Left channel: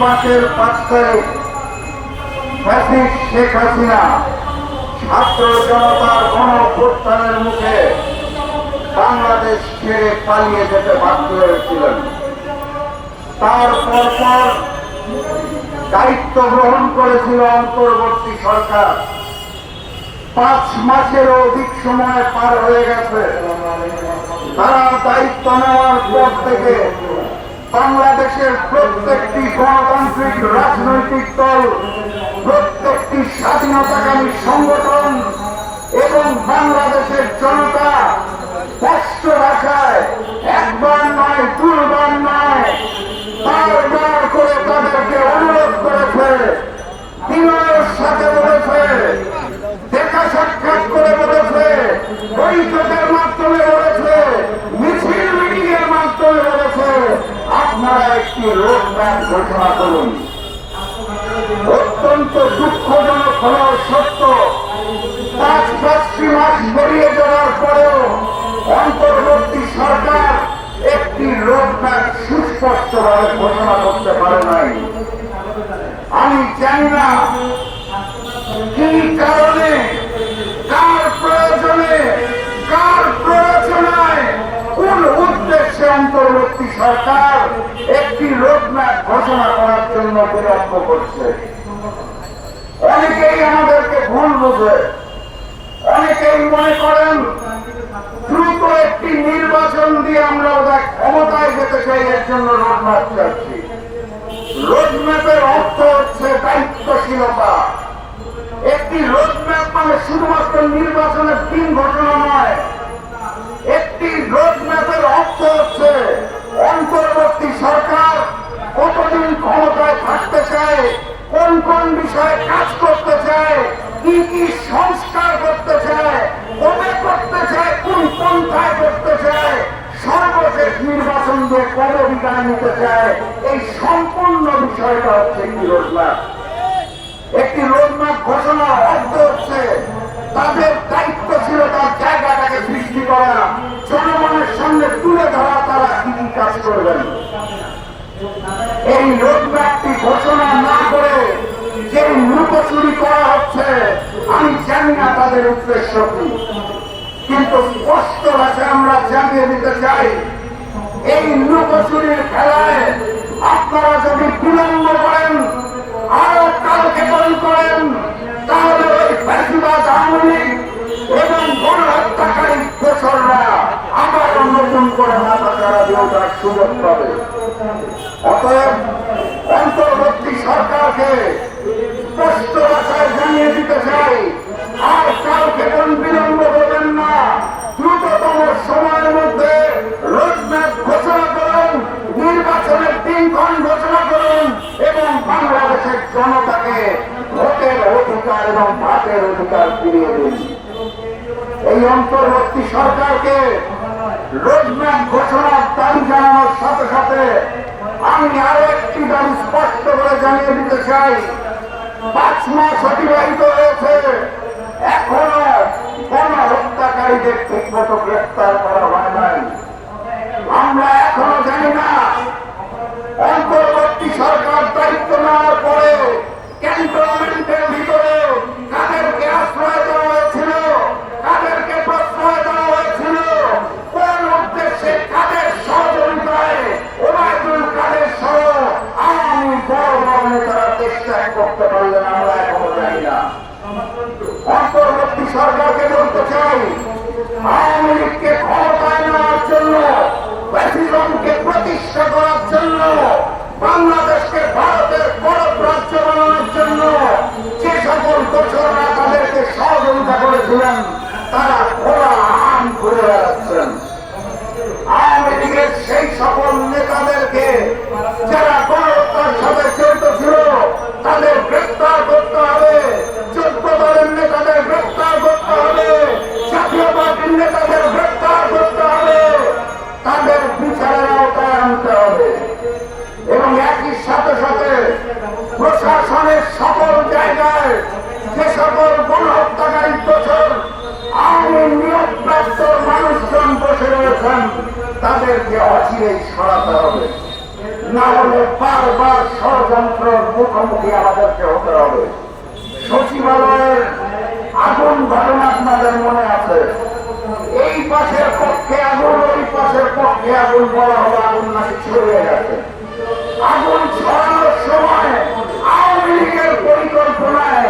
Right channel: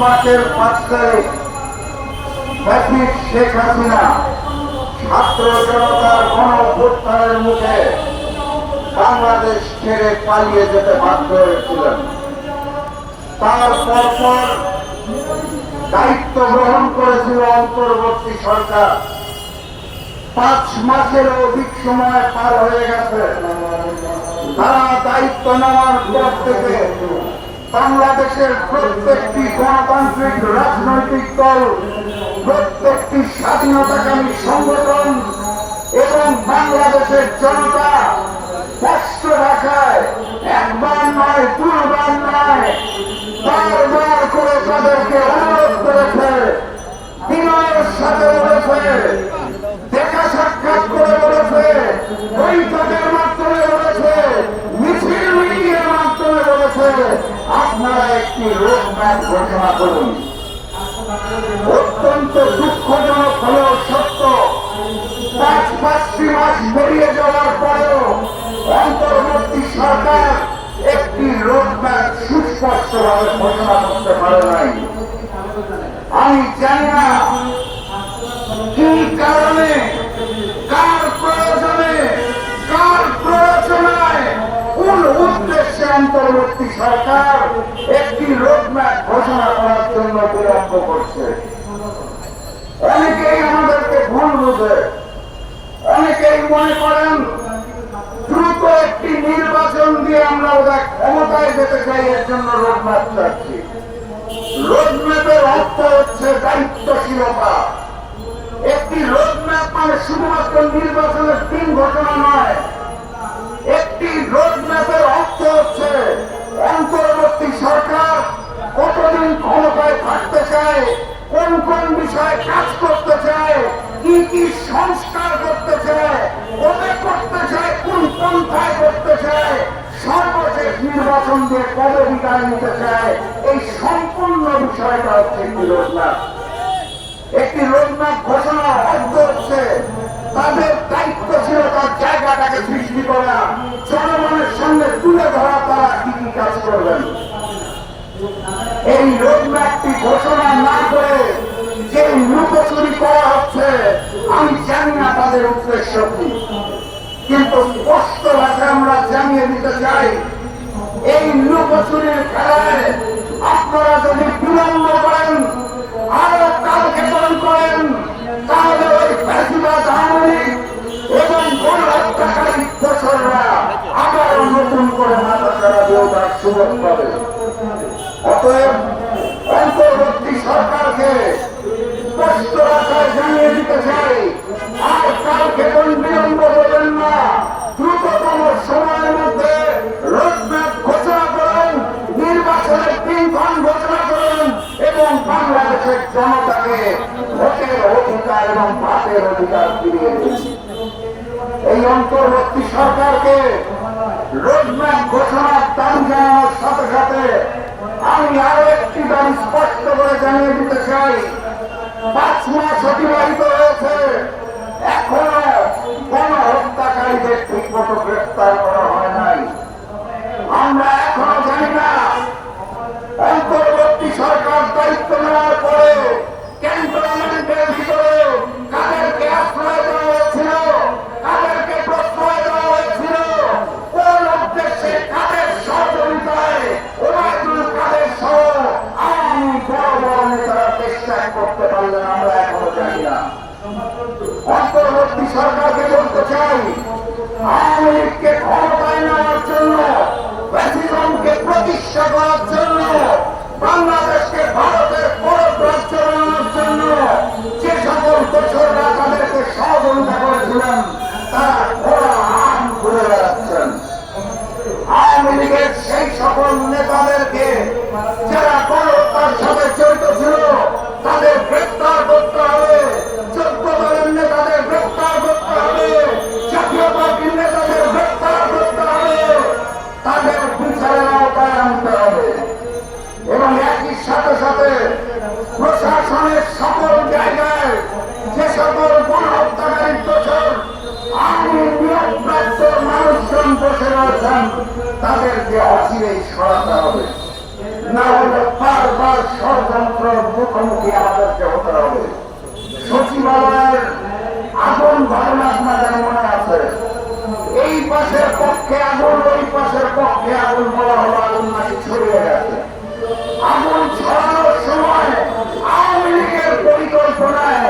মাসের 5 তারিখ ফ্যাসিস্ট শেখ হাসিনা ছাত্র জনতার গণঅভ্যুত্থানের মুখে বাংলাদেশ ছেড়ে পালিয়ে যেতে বাধ্য হয়েছিলেন। তার পরপর দায়িত্ব গ্রহণ করেছিল অন্তর্বর্তী সরকার। 5 মাসেরও অধিক সময় পার হয়ে গেছে। তারা দায়িত্ব নেওয়ার পর থেকে বাংলাদেশের প্রত্যেকটি গণতান্ত্রিক রাজনৈতিক দল, প্রত্যেকটি স্বাধীনতাকামী সংগঠন এবং বাংলাদেশের জনতা স্পষ্ট ভাষায় একবার নয়, দুইবার নয়, বারবার করে তাদেরকে অনুরোধ করেছে, বিনয়ের সাথে বলেছে, দেখা সাক্ষাৎ করে বলেছে, বৈঠকের মাধ্যমে বলেছে, মিছিল মিটিং এর মাধ্যমে বলেছে, আপনারা একটি রোডম্যাপ ঘোষণা করুন। অত্যন্ত দুঃখজনক হলেও সত্য, 5 মাস বেরিয়ে যাওয়ার পরেও অন্তর্বর্তী সরকার একটি রোডম্যাপ সুস্পষ্টভাবে ঘোষণা করতে পারে নাই। আমি জানি না কি কারণে, কার প্রয়োজনে, কার প্ররোচনায়, কোন উদ্দেশ্যে অন্তর্বর্তী সরকার একটি রোডম্যাপ ঘোষণা করার জন্য বিলম্ব করছে। অনেকেই আমাদেরকে ভুল বোঝে, অনেকেই মনে করেন দ্রুত একটি নির্বাচন দিয়ে আমরা ওদের ক্ষমতায় যেতে চাই, এর জন্য রোডম্যাপ চাচ্ছি। রোডম্যাপের অর্থ হচ্ছে দায়িত্বশীলতা। একটি রোডম্যাপ মানে শুধুমাত্র নির্বাচনের দিন ঘোষণা নয়। একটি রোডম্যাপের অর্থ হচ্ছে অন্তর্বর্তী সরকার কতদিন ক্ষমতায় থাকতে চায়, কোন কোন বিষয়ে কাজ করতে চায়, কি কি সংস্কার করতে চায়, কবে করতে চায়, কোন পন্থায় করতে চায়, সর্বশেষ নির্বাচন দিয়ে কবে বিদায় নিতে চায়, এই সম্পূর্ণ বিষয়টা হচ্ছে একটি রোডম্যাপ। একটি রোডম্যাপ ঘোষণা অর্থ হচ্ছে তাদের দায়িত্বশীলতার জায়গাটাকে সৃষ্টি করা, জনগণের সামনে তুলে ধরা তারা কি কি কাজ করবেন। এই রোডম্যাপটি ঘোষণা না করে যে লুকোচুরি করা হচ্ছে, আমি জানি না তাদের উদ্দেশ্য কি, কিন্তু স্পষ্ট ভাষায় আমরা জানিয়ে দিতে চাই, এই লুকোচুরির খেলায় আপনারা যদি বিলম্ব করেন, আরো কালক্ষেপণ করেন, তাহলে ওই ফ্যাসিবাদ আওয়ামী লীগ এবং গণহত্যাকারী দোসররা আবার নতুন করে মাথা চাড়া দেওয়ার সুযোগ পাবে। অতএব অন্তর্বর্তী সরকারকে স্পষ্ট ভাষায় জানিয়ে দিতে চাই, আর কালক্ষেপণ বিলম্ব করবেন না। দ্রুততম সময়ের মধ্যে রোডম্যাপ ঘোষণা করুন, নির্বাচনের দিনক্ষণ ঘোষণা করুন এবং বাংলাদেশের জনতাকে ভোটের অধিকার এবং ভাতের অধিকার ফিরিয়ে দিন। এই অন্তর্বর্তী সরকারকে রোডম্যাপ ঘোষণার দাবি জানানোর সাথে সাথে আমি আরো একটি দাবি স্পষ্ট করে জানিয়ে দিতে চাই। 5 মাস অতিবাহিত হয়েছে, এখনো গণহত্যাকারীদের ঠিকমতো গ্রেফতার করা হয় নাই। আমরা এখনো জানি না অন্তর্বর্তী সরকার দায়িত্ব নেওয়ার পরে ক্যান্টনমেন্টের ভিতরে কাদেরকে আশ্রয় দেওয়া হয়েছিল, কাদেরকে প্রশ্রয় দেওয়া হয়েছিল, কোন উদ্দেশ্যে, কাদের সহযোগিতায় ওবায়দুল কাদের সহ আওয়ামী বড় বড় নেতারা দেশ ত্যাগ করতে পারলেন, আমরা এখনো জানি না। অন্তর্বর্তী সরকারকে বলতে চাই, আওয়ামী লীগকে ক্ষমতায় নেওয়ার জন্য, ফ্যাসিজমকে প্রতিষ্ঠা করার জন্য, বাংলাদেশকে ভারতের পরব রাজ্য বানানোর জন্য যে সকল দোসররা তাদেরকে সহযোগিতা করেছিলেন, তারা ঘোড়া আম ঘুরে বেড়াচ্ছেন। আওয়ামী লীগের সেই সকল নেতাদেরকে যারা গণহত্যার সাথে জড়িত ছিল তাদের গ্রেফতার করতে হবে, 14 দলের নেতাদের গ্রেফতার করতে হবে, জাতীয় পার্টির নেতাদের গ্রেফতার করতে হবে, তাদের বিচারের আওতায় আনতে হবে এবং একই সাথে সাথে প্রশাসনের সকল জায়গায় যে সকল গণহত্যাকারী দোষর আওয়ামী ষড়যন্ত্রের মুখোমুখি আমাদেরকে হতে হবে। সচিবালয়ের আগুন ঘটনা আপনাদের মনে আছে, এই পাশের পক্ষে আগুন, ওই পাশের পক্ষে আগুন, বলা হলো আগুন নাকি ছড়িয়ে গেছে। আগুন ছড়ানোর সময় আওয়ামী লীগের পরিকল্পনায়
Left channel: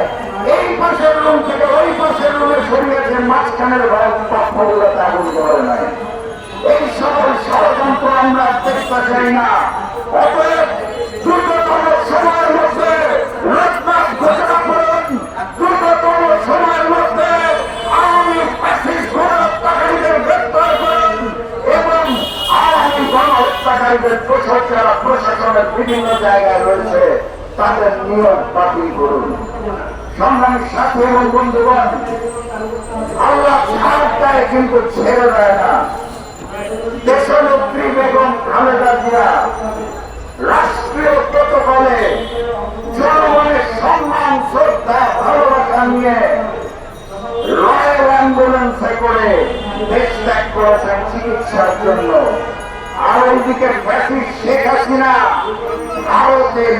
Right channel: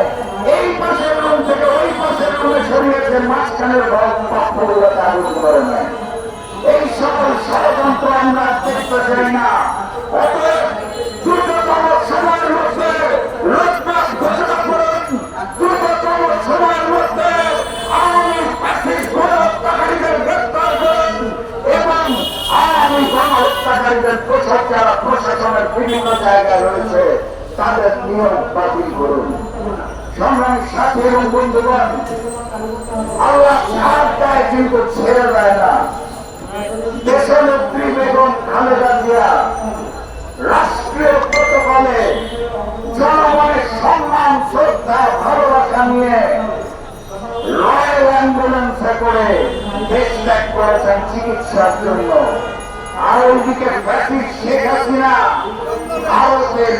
এই পাশের রুম থেকে ওই পাশের রুমে ছড়িয়েছে, মাঝখানের পক্ষগুলোতে আগুন ধরে নাই। এই সকল ষড়যন্ত্র আমরা দেখতে চাই না। অতএব দ্রুততম সময়ের মধ্যে রোডম্যাপ ঘোষণা করুন, দ্রুততম সময়ের মধ্যে আওয়ামী ফ্যাসিস্ট গণহত্যাকারীদের গ্রেপ্তার করুন এবং আওয়ামী গণহত্যাকারীদের প্রচার যারা প্রশাসনের বিভিন্ন জায়গায় রয়েছে তাদের নিয়োগ বাতিল করুন। সংগ্রামী সাথী এবং বন্ধুগণ, আল্লাহ ছাড় দেয় কিন্তু ছেড়ে দেয় না। দেশনেত্রী বেগম খালেদা জিয়া রাষ্ট্রীয় প্রটোকলে জনগণের সম্মান, শ্রদ্ধা, ভালোবাসা নিয়ে রয়্যাল অ্যাম্বুলেন্সে করে দেশ ত্যাগ করেছেন চিকিৎসার জন্য। আর ওইদিকে ফ্যাসিস্ট শেখ হাসিনা ভারতের